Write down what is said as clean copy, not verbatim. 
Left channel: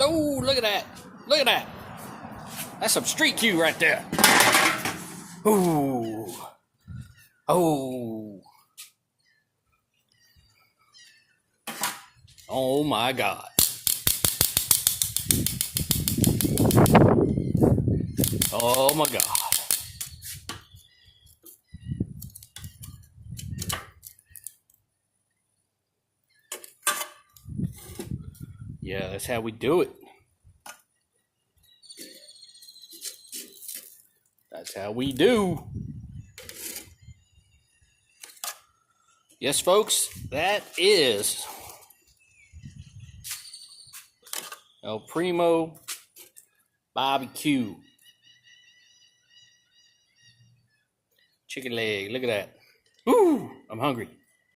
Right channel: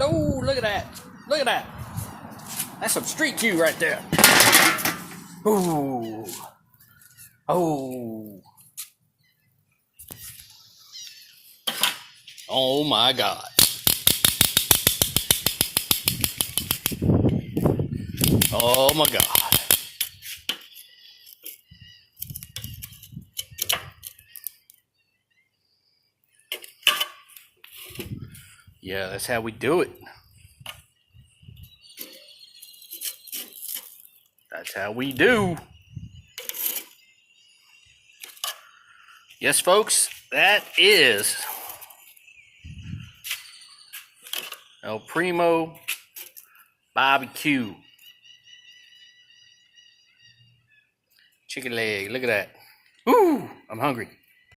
Oh, look at that. Look at that. That's some street Q right there. Ooh. Oh. Oh my God. Oh my God. Yeah, that's how we do it. That's how we do. Yes, folks, that is El Primo BBQ. Chicken leg, look at that. Ooh, I'm hungry.